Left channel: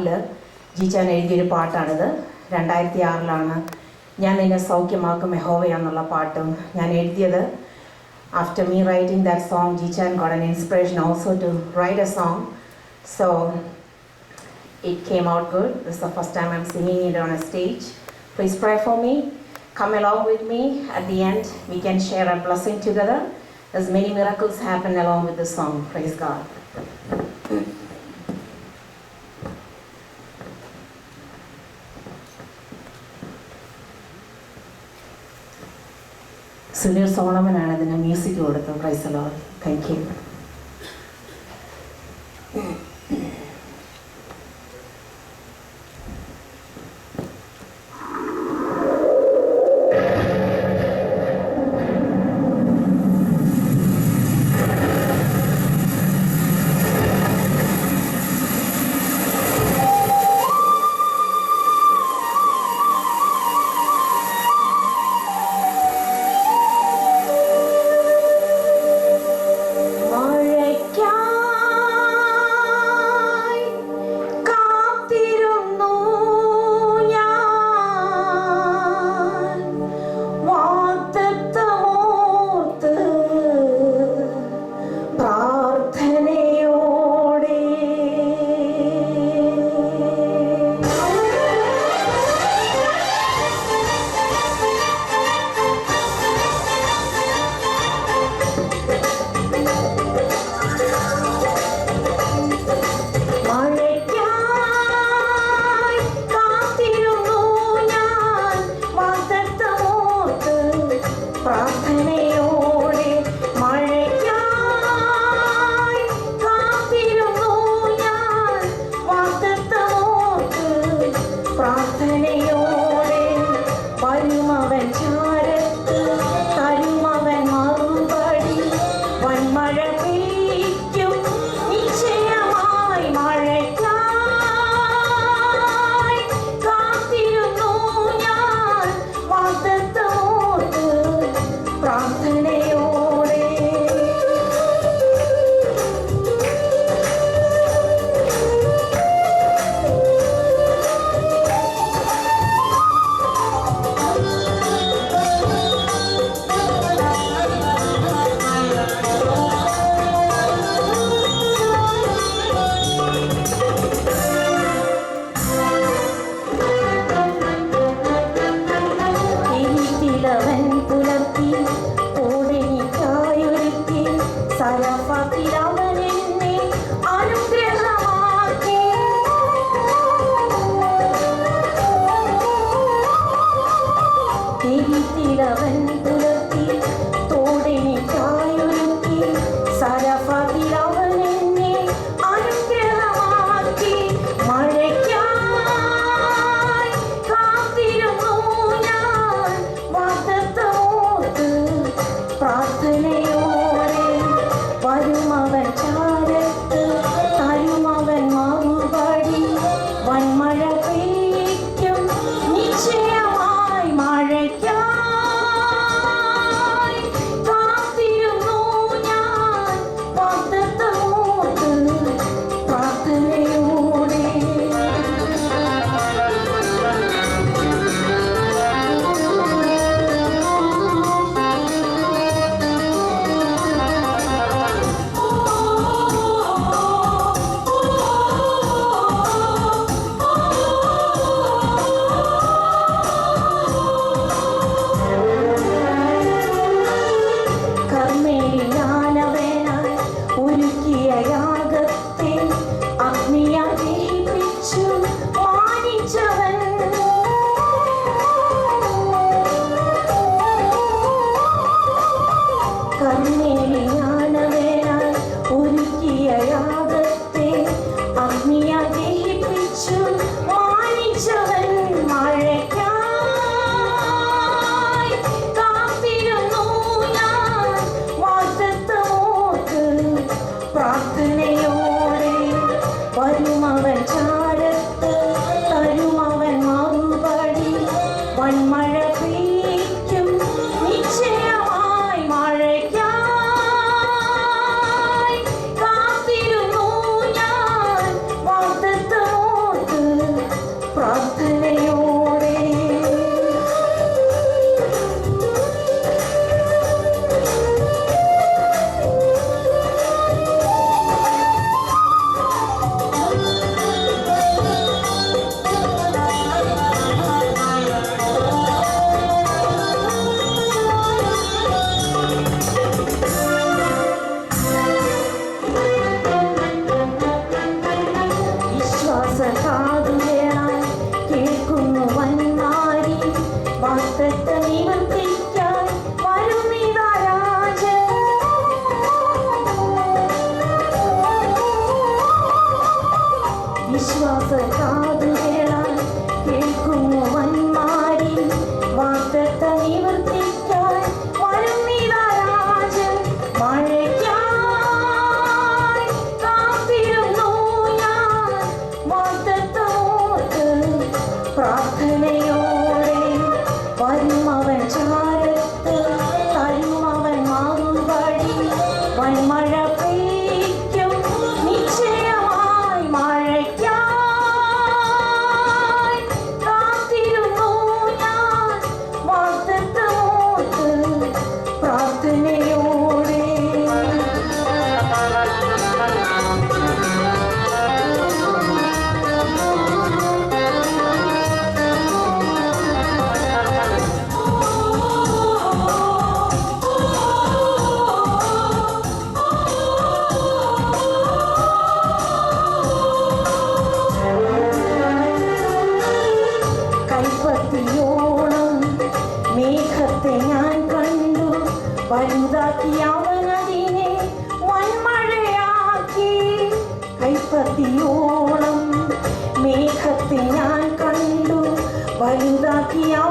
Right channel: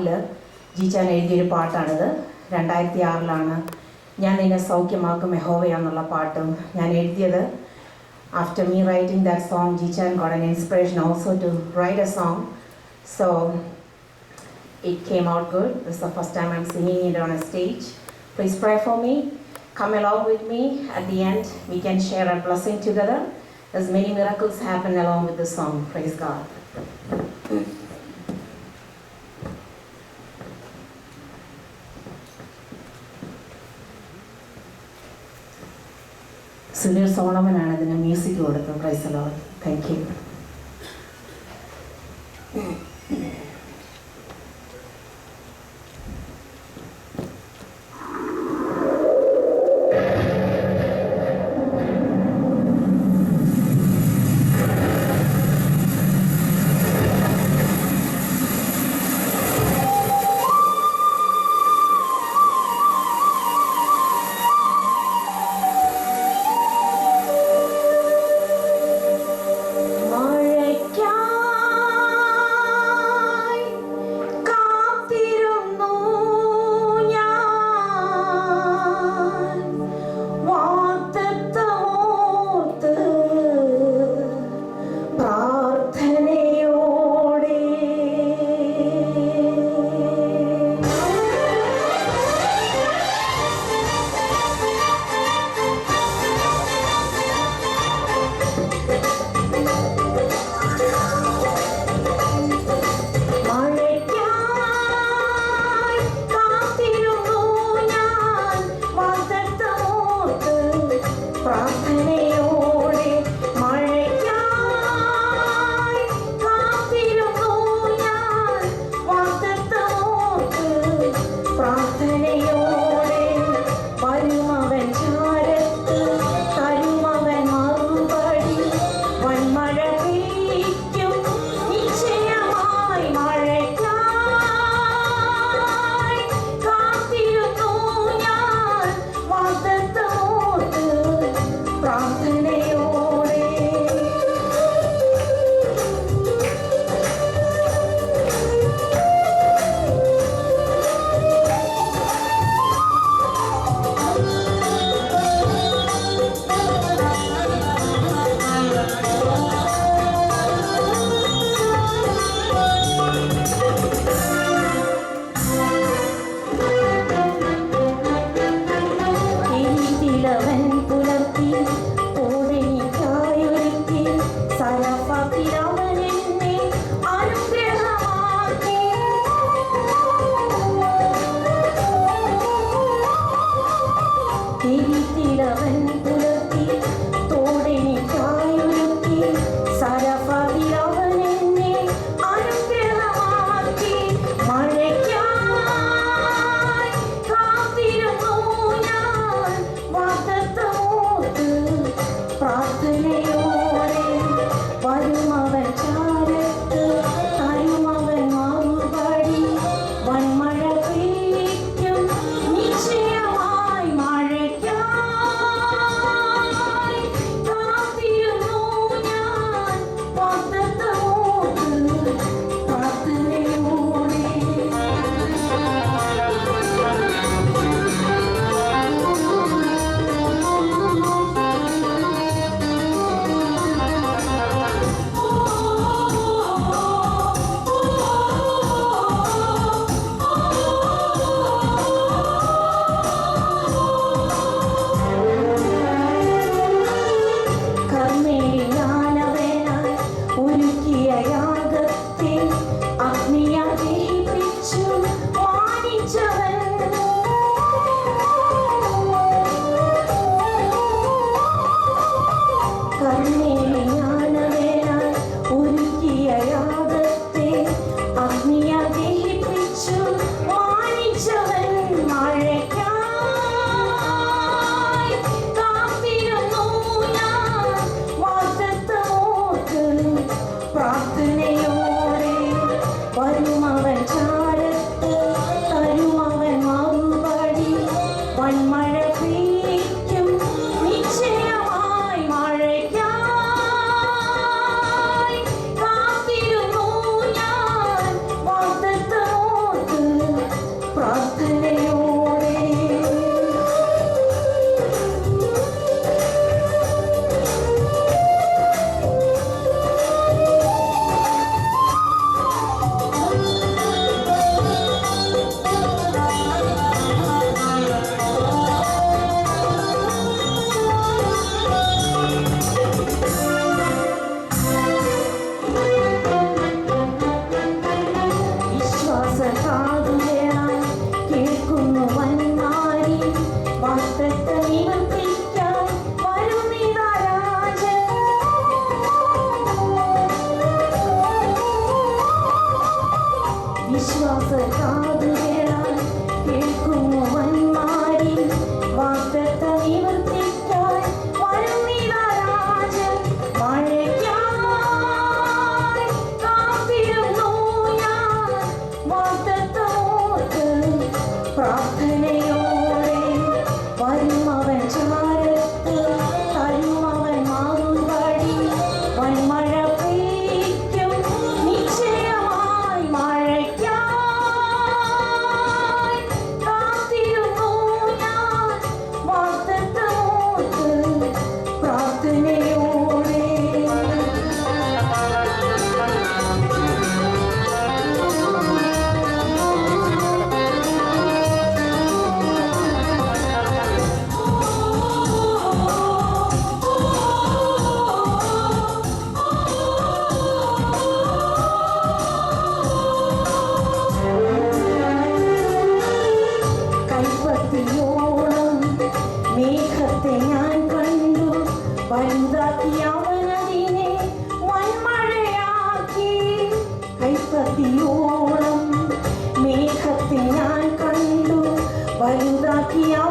ആറില് ജീച്ചാൻ എഴുതിയൊരു പാട്ടാണിത് രണ്ടായിരത്തി ആറിലാണ് ഞാൻ നിന്നെ സൗഖ്യമാക്കും യഹോവയാന്നുള്ള പാട്ടും ഞാൻ എഴുതിയത് after me writing that song ജീച്ചാൻ God an inspiration also to write a song so it came out good. This is the first time I'm singing it on a stage. Please pray for me. Come along with me. At the end, we can share a blessing together. As many miracles happen along with the song. Praise God. Sunil സോളമനാണ് ഇതിന് music കൊടുത്തത്. പ്രൈസലോ thank you വിശ്വാസ കാതുകളാൽ കേൾക്കുമോ വലുതാക്കി അവനതിനെ വൻമഴയാക്കി. കൈപ്പത്തിയോളം മേഘത്തെ ഞാൻ കണ്ടു. വലുതാക്കി അവൻ